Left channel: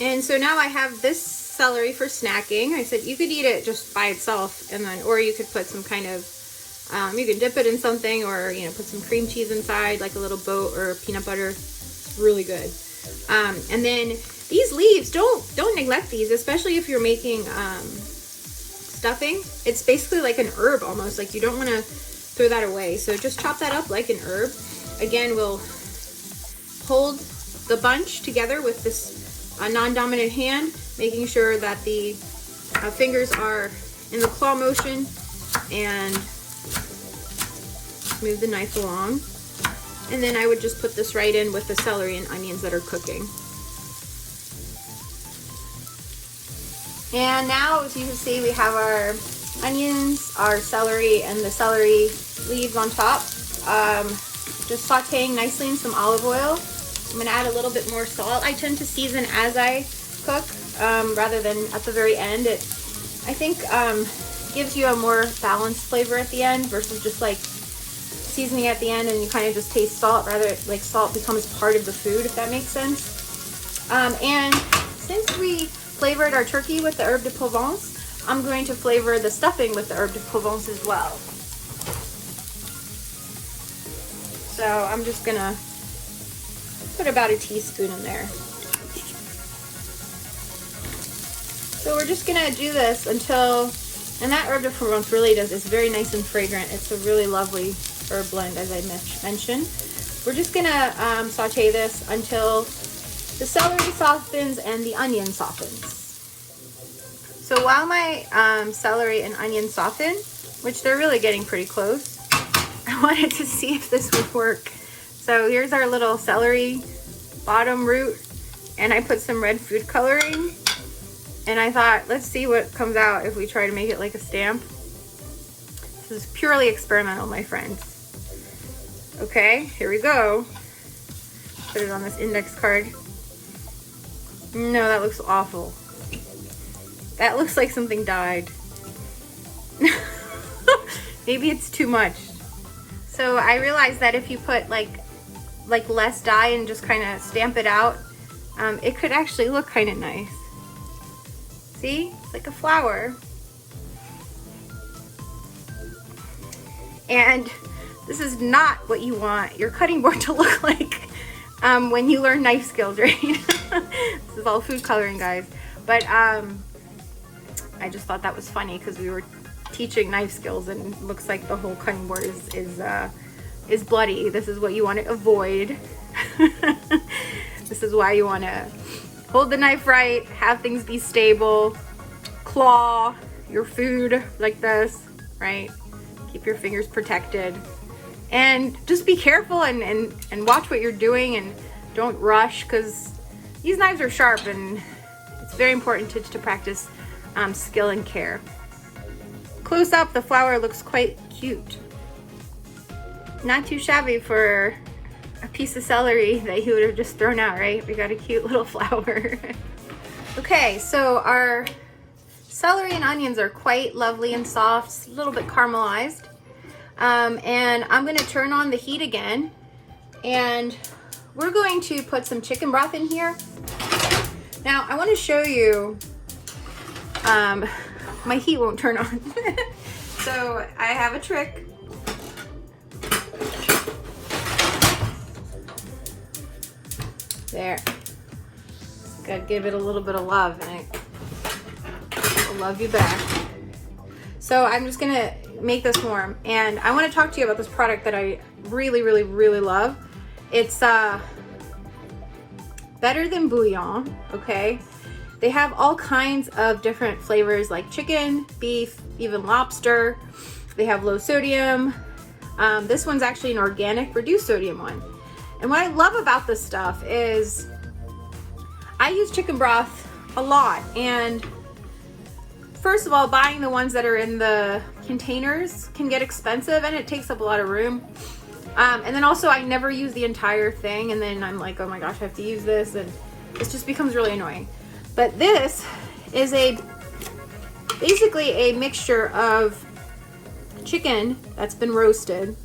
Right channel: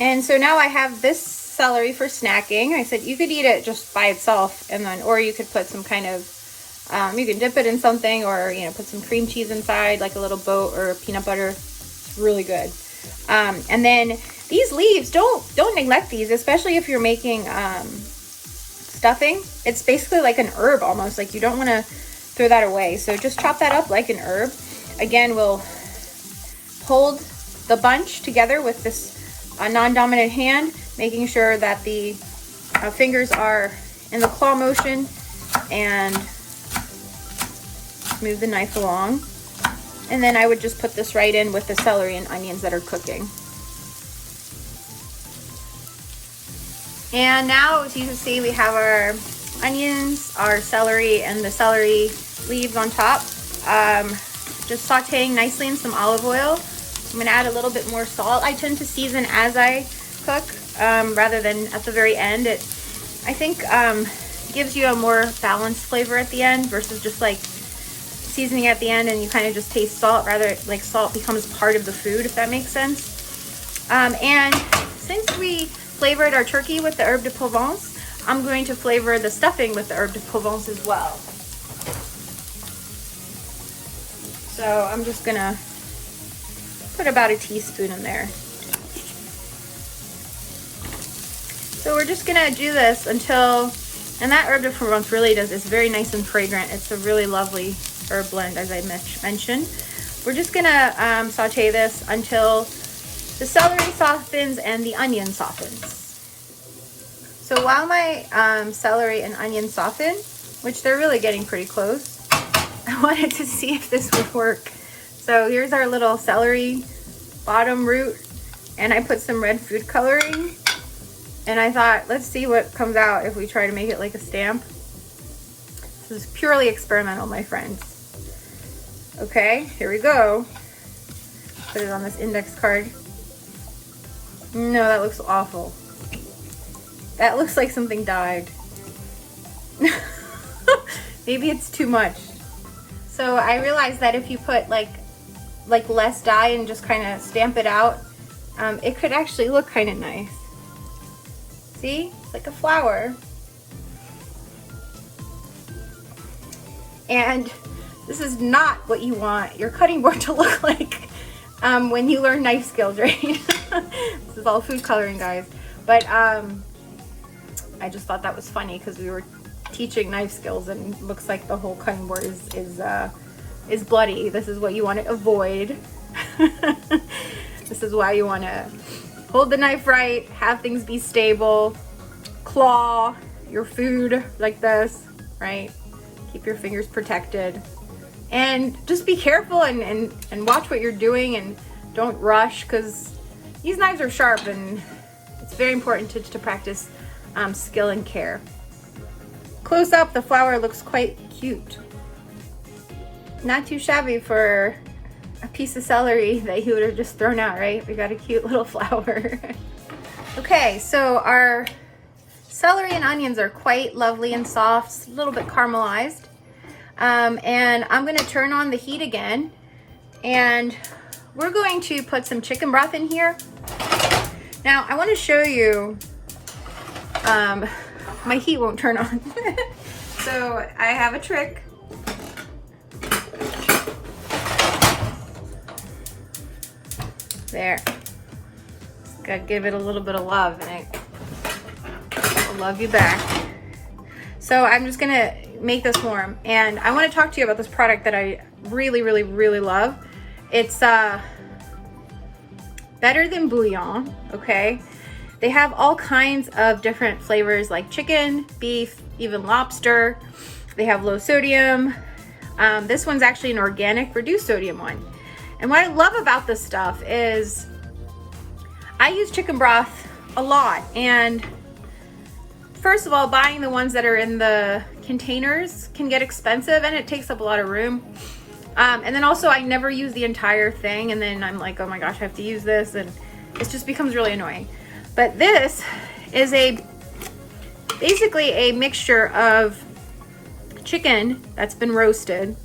And so now I have this celery for snacking. I said you could eat it just by itself, and then, or you could put some kind of, you can dip it in something, or, you know, put some cream cheese inside, like a little boat or peanut butter. Really good. And then these leaves, don't neglect these, especially if you're making stuffing. It's basically like an herb almost. Like, you don't want to throw that away. So just chop that up like an herb. Again, we'll hold the bunch together with this non-dominant hand, making sure that the fingers are in the claw motion, and move the knife along. And then I would just put this right in with the celery and onions that are cooking. And now, as you can see, we have our onions, our celery, and the celery leaves on top. Just sauteing nicely in some olive oil. I'm gonna add a little bit more salt. I tend to season as I cook, rather than at the very end. It, I think, gives you a more balanced flavor at the end versus just like seasoning at the end and you kind of just taste salt. Rather, like, salt becomes part of the food, if that makes sense. And since we flavored our turkey with the herb de Provence, I'm going to flavor the stuffing with the herb de Provence as well. So I'm just gonna put about a teaspoon in there. So we're just gonna do this until, and that herb de Provence really does, it's very nice and fragrant. It's a really lovely herb blend, as I mentioned. We're just gonna saute this until the celery softens and the onion softens. So while my celery and onion soften, which they're really getting pretty close, I wanted to see if this would work. So here's our little celery bottom root, and I put some red food coloring, and I thought, let's see what comes out if we try to make it like a stamp. This is purely experimental, my friends. Okay, here we go. Put it on this index card. No, that looks awful. That looks like something died. Maybe it's too much. So I realized that if you put like less dye and just kind of stamp it out, it could actually look kind of nice. See, like a flower. And this is not what you want your cutting board to look like when you learn knife skills, right? This is all food coloring, guys. But I just thought that was funny because we were teaching knife skills, and it looks like the whole cutting board is bloody. This is what you want to avoid. This is why you want to hold the knife right, have things be stable, claw your food like this, right? Keep your fingers protected, and just be careful and watch what you're doing, and don't rush, because these knives are sharp, and it's very important to practice skill and care. Close up, the flower looks quite cute. Not too shabby for a piece of celery that you would have just thrown out, right? We got a cute little flower. Okay, so our celery and onions are quite lovely and soft, a little bit caramelized. And I'm gonna turn on the heat again, and we're going to put some chicken broth in here. Now, I wanna show you, my heat won't turn on. So I have a trick. There. Gotta give it a little bit of love, and I'll love you back. So I'm just gonna make this warm, and I want to talk to you about this product that I really, really, really love. It's better than bouillon, okay? They have all kinds of different flavors, like chicken, beef, even lobster. They have low sodium. This one's actually an organic reduced sodium one. And what I love about this stuff is I use chicken broth a lot. And first of all, buying the ones that are in the containers can get expensive, and it takes up a lot of room. And then also, I never use the entire thing, and then I'm like, oh my gosh, I have to use this, and it just becomes really annoying. But this is basically a mixture of chicken that's been roasted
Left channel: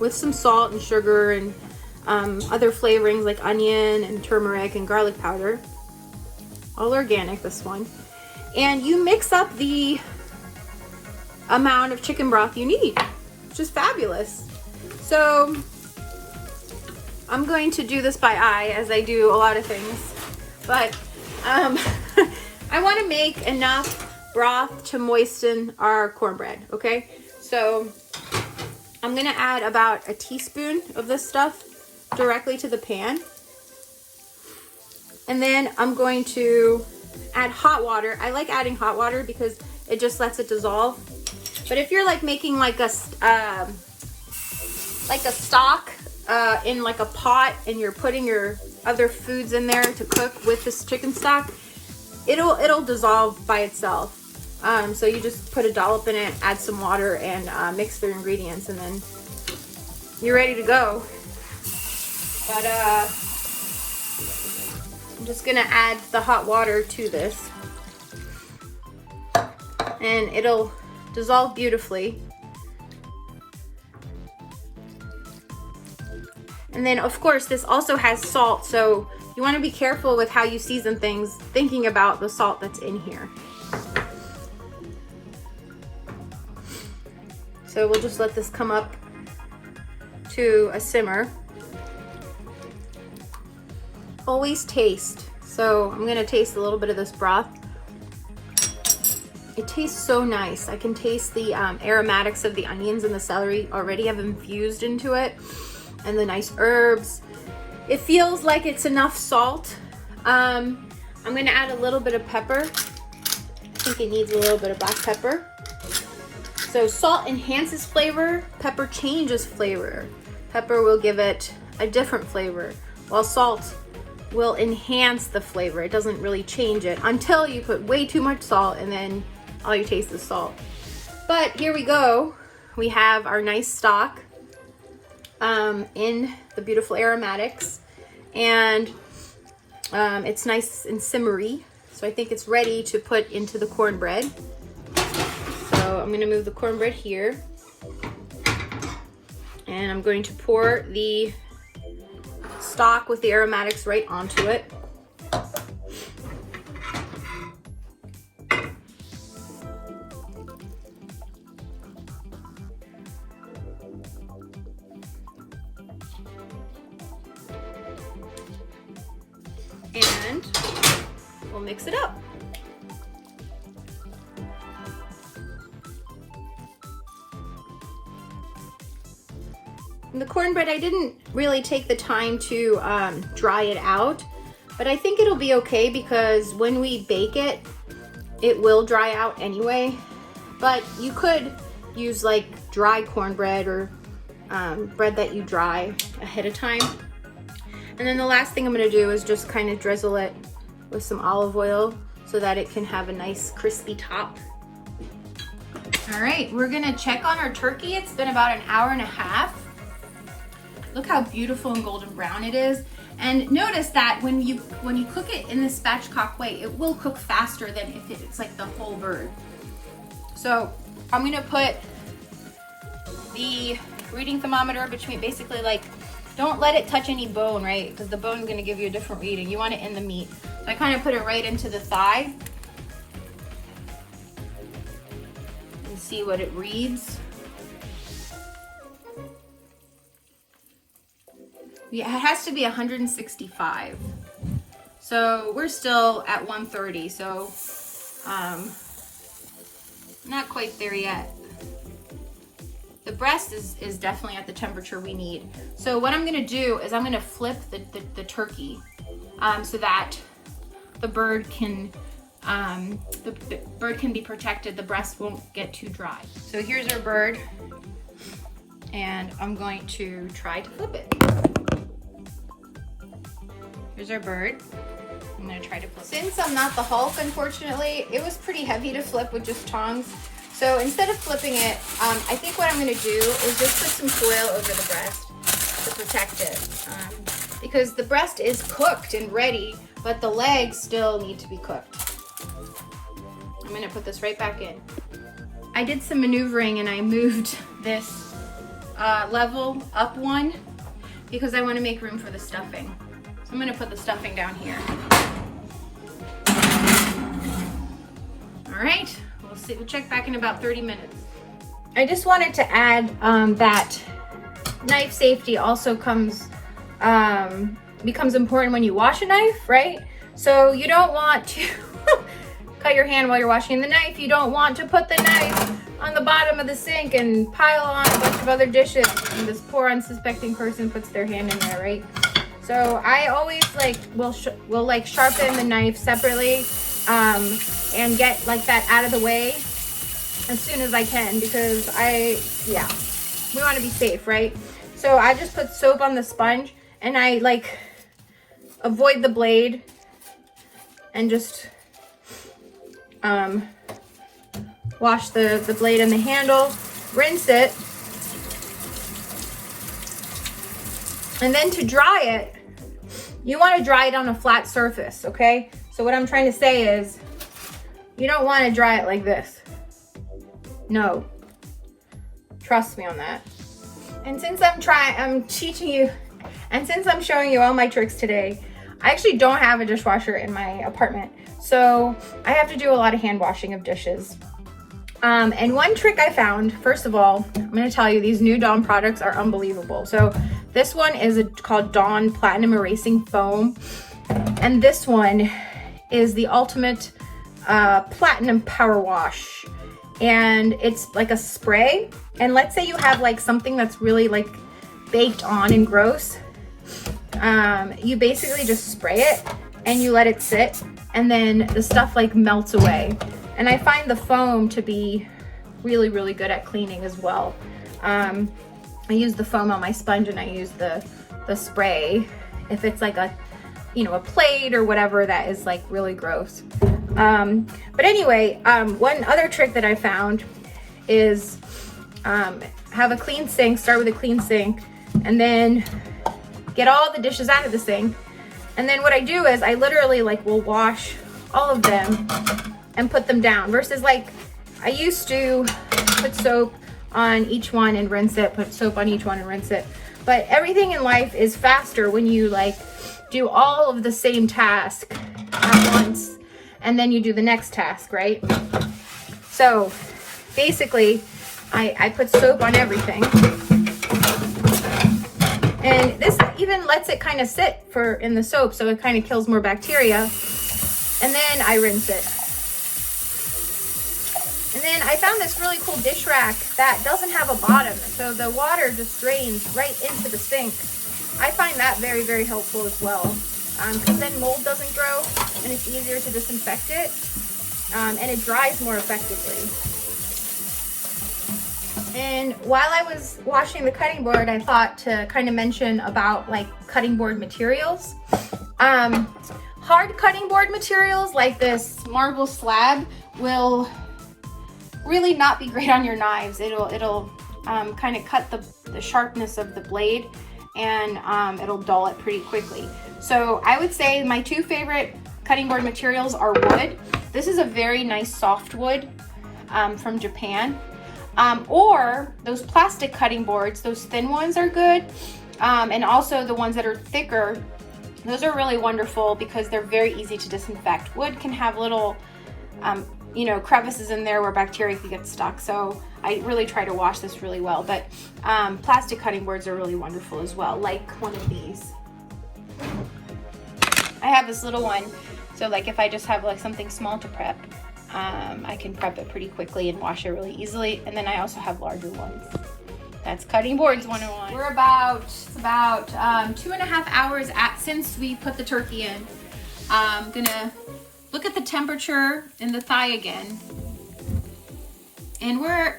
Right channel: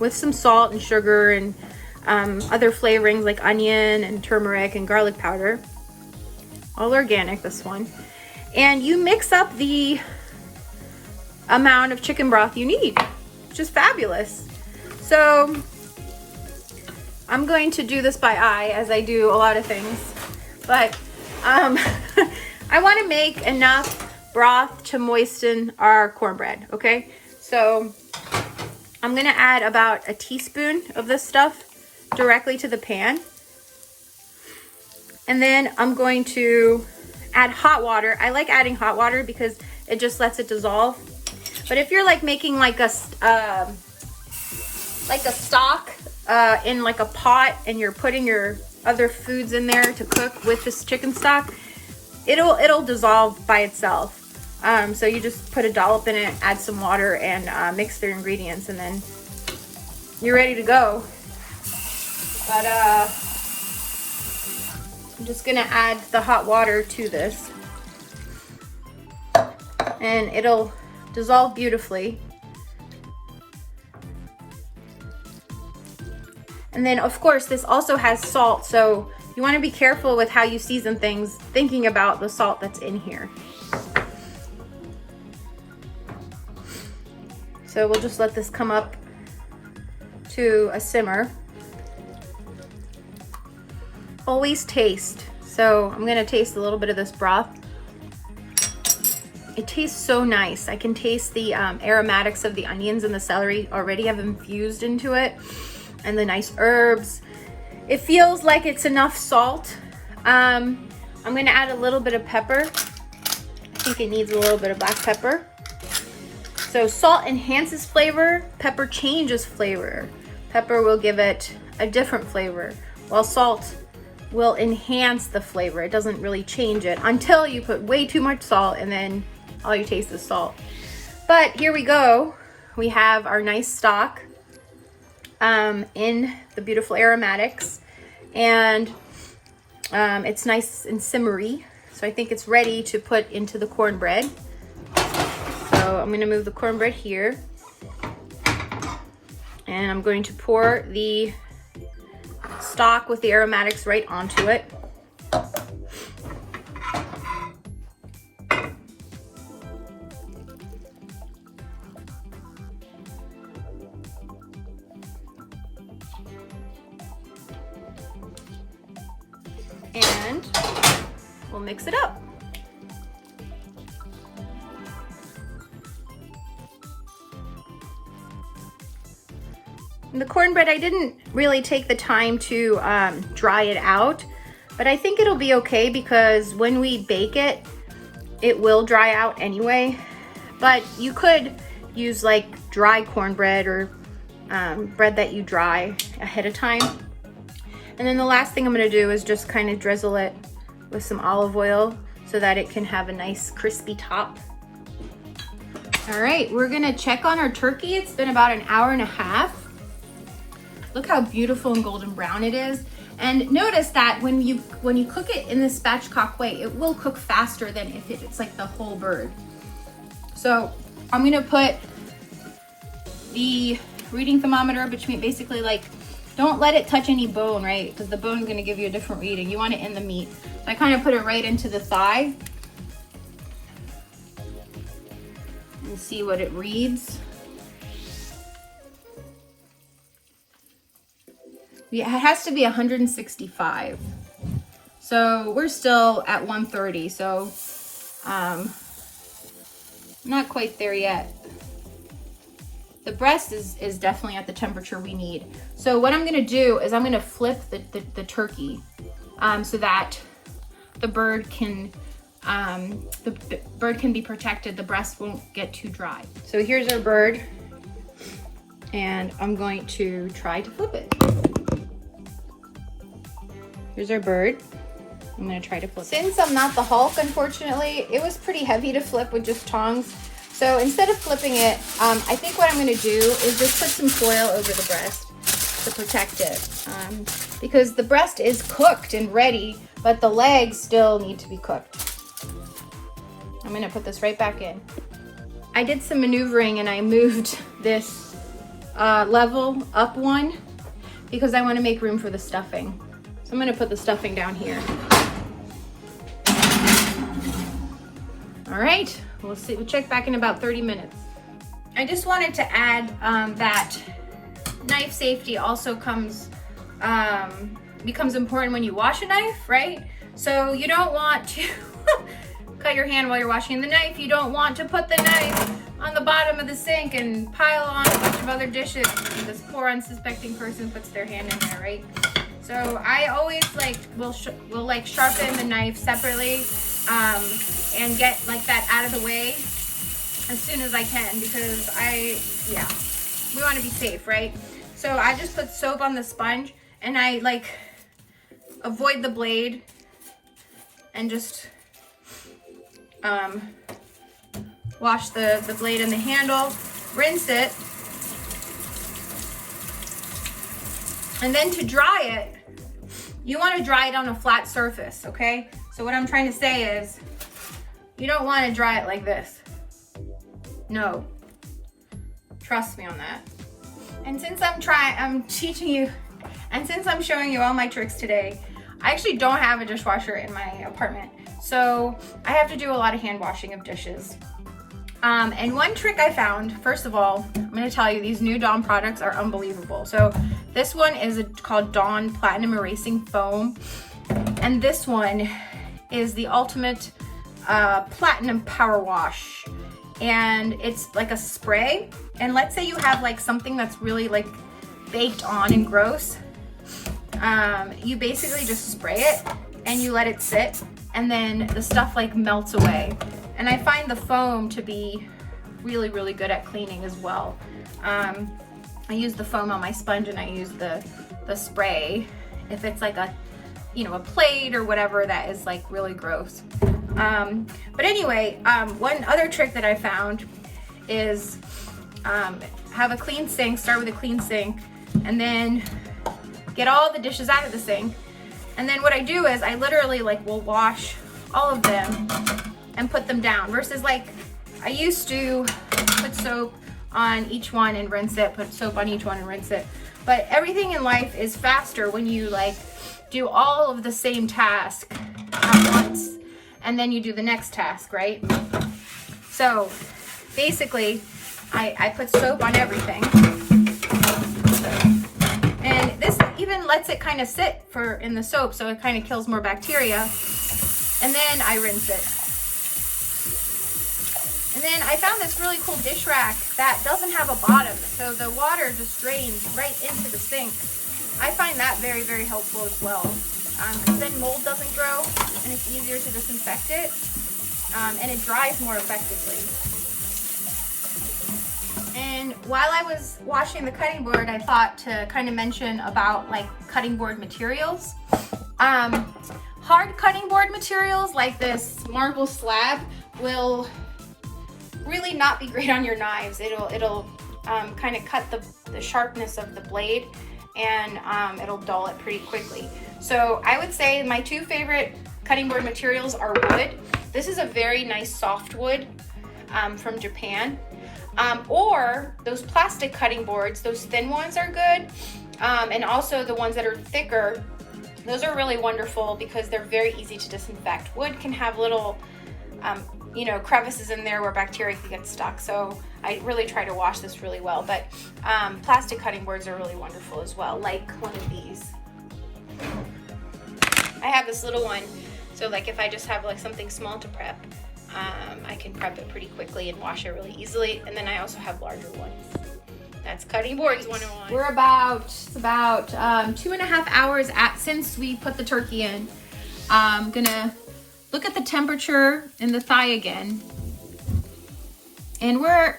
with some salt and sugar and other flavorings like onion and turmeric and garlic powder. All organic, this one. And you mix up the amount of chicken broth you need. Just fabulous. So I'm going to do this by eye, as I do a lot of things, but I want to make enough broth to moisten our cornbread. Okay, so I'm gonna add about a teaspoon of this stuff directly to the pan, and then I'm going to add hot water. I like adding hot water because it just lets it dissolve. But if you're like making like a stock in like a pot, and you're putting your other foods in there to cook with this chicken stock, it'll dissolve by itself. So you just put a dollop in it, add some water, and mix their ingredients, and then you're ready to go. But I'm just gonna add the hot water to this, and it'll dissolve beautifully. And then of course this also has salt, so you want to be careful with how you season things, thinking about the salt that's in here. So we'll just let this come up to a simmer. Always taste. So I'm gonna taste a little bit of this broth. It tastes so nice. I can taste the aromatics of the onions and the celery already have infused into it, and the nice herbs. It feels like it's enough salt. I'm gonna add a little bit of pepper. I think it needs a little bit of black pepper. So salt enhances flavor, pepper changes flavor. Pepper will give it a different flavor, while salt will enhance the flavor. It doesn't really change it until you put way too much salt, and then all you taste is salt. But here we go. We have our nice stock in the beautiful aromatics, and it's nice and simmery. So I think it's ready to put into the cornbread. So I'm gonna move the cornbread here, and I'm going to pour the stock with the aromatics right onto it. And we'll mix it up. And the cornbread, I didn't really take the time to dry it out, but I think it'll be okay because when we bake it, it will dry out anyway. But you could use like dry cornbread or bread that you dry ahead of time. And then the last thing I'm gonna do is just kind of drizzle it with some olive oil so that it can have a nice crispy top. All right, we're gonna check on our turkey. It's been about an hour and a half. Look how beautiful and golden brown it is. And notice that when you cook it in this spatchcock way, it will cook faster than if it's like the whole bird. So I'm gonna put the reading thermometer between, basically like, don't let it touch any bone, right? Because the bone is gonna give you a different reading. You want it in the meat. So I kind of put it right into the thigh and see what it reads. Yeah, it has to be 165. So we're still at 130. So not quite there yet. The breast is definitely at the temperature we need. So what I'm gonna do is I'm gonna flip the turkey so that the bird can be protected. The breast won't get too dry. So here's our bird, and I'm going to try to flip it. Here's our bird. I'm gonna try to flip it. Since I'm not the Hulk, unfortunately, it was pretty heavy to flip with just tongs. So instead of flipping it, I think what I'm gonna do is just put some foil over the breast to protect it. Because the breast is cooked and ready, but the legs still need to be cooked. I'm gonna put this right back in. I did some maneuvering and I moved this level up one, because I want to make room for the stuffing. So I'm going to put the stuffing down here. All right, we'll see. We'll check back in about 30 minutes. I just wanted to add that knife safety also becomes important when you wash a knife, right? So you don't want to cut your hand while you're washing the knife. You don't want to put the knife on the bottom of the sink and pile on a bunch of other dishes, and this poor unsuspecting person puts their hand in there, right? So I always will sharpen the knife separately and get like that out of the way as soon as I can, because we want to be safe, right? So I just put soap on the sponge and I like avoid the blade and just wash the blade and the handle, rinse it, and then to dry it, you want to dry it on a flat surface, okay? So what I'm trying to say is, you don't want to dry it like this. No, trust me on that. And since I'm teaching you, and since I'm showing you all my tricks today, I actually don't have a dishwasher in my apartment, so I have to do a lot of hand washing of dishes. And one trick I found, first of all, I'm going to tell you, these new Dawn products are unbelievable. So this one is called Dawn Platinum Erasing Foam, and this one is the ultimate platinum power wash, and it's like a spray. And let's say you have like something that's really like baked on and gross, you basically just spray it and you let it sit, and then the stuff like melts away. And I find the foam to be really, really good at cleaning as well. I use the foam on my sponge and I use the spray if it's like a plate or whatever that is like really gross. But anyway, one other trick that I found is have a clean sink, start with a clean sink, and then get all the dishes out of the sink. And then what I do is I literally like will wash all of them and put them down, versus like I used to put soap on each one and rinse it, put soap on each one and rinse it. But everything in life is faster when you like do all of the same task at once and then you do the next task, right? So basically I put soap on everything, and this even lets it kind of sit in the soap, so it kind of kills more bacteria, and then I rinse it. And then I found this really cool dish rack that doesn't have a bottom, so the water just drains right into the sink. I find that very, very helpful as well, because then mold doesn't grow and it's easier to disinfect it, and it dries more effectively. And while I was washing the cutting board, I thought to kind of mention about like cutting board materials. Hard cutting board materials like this marble slab will really not be great on your knives. It'll kind of cut the sharpness of the blade, and it'll dull it pretty quickly. So I would say my two favorite cutting board materials are wood. This is a very nice soft wood from Japan. Or those plastic cutting boards, those thin ones are good. And also the ones that are thicker, those are really wonderful because they're very easy to disinfect. Wood can have little, crevices in there where bacteria can get stuck. So I really try to wash this really well. But plastic cutting boards are really wonderful as well, like one of these. I have this little one, so like if I just have like something small to prep, I can prep it pretty quickly and wash it really easily. And then I also have larger ones. That's cutting boards 101. We're about 2.5 hours since we put the turkey in. I'm gonna look at the temperature in the thigh again. And we're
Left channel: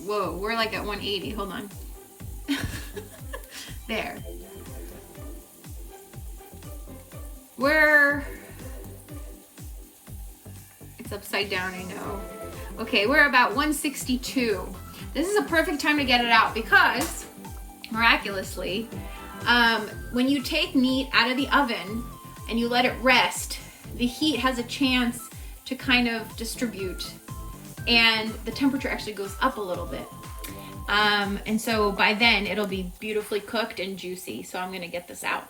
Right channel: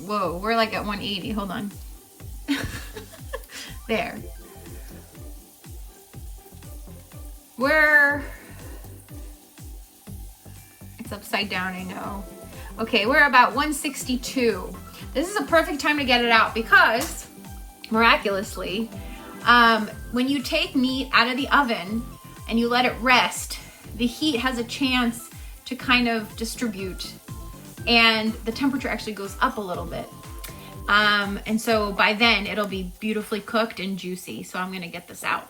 like at 180, hold on. There. It's upside down, I know. Okay, we're about 162. This is a perfect time to get it out because, miraculously, when you take meat out of the oven and you let it rest, the heat has a chance to kind of distribute and the temperature actually goes up a little bit. And so by then it'll be beautifully cooked and juicy. So I'm gonna get this out.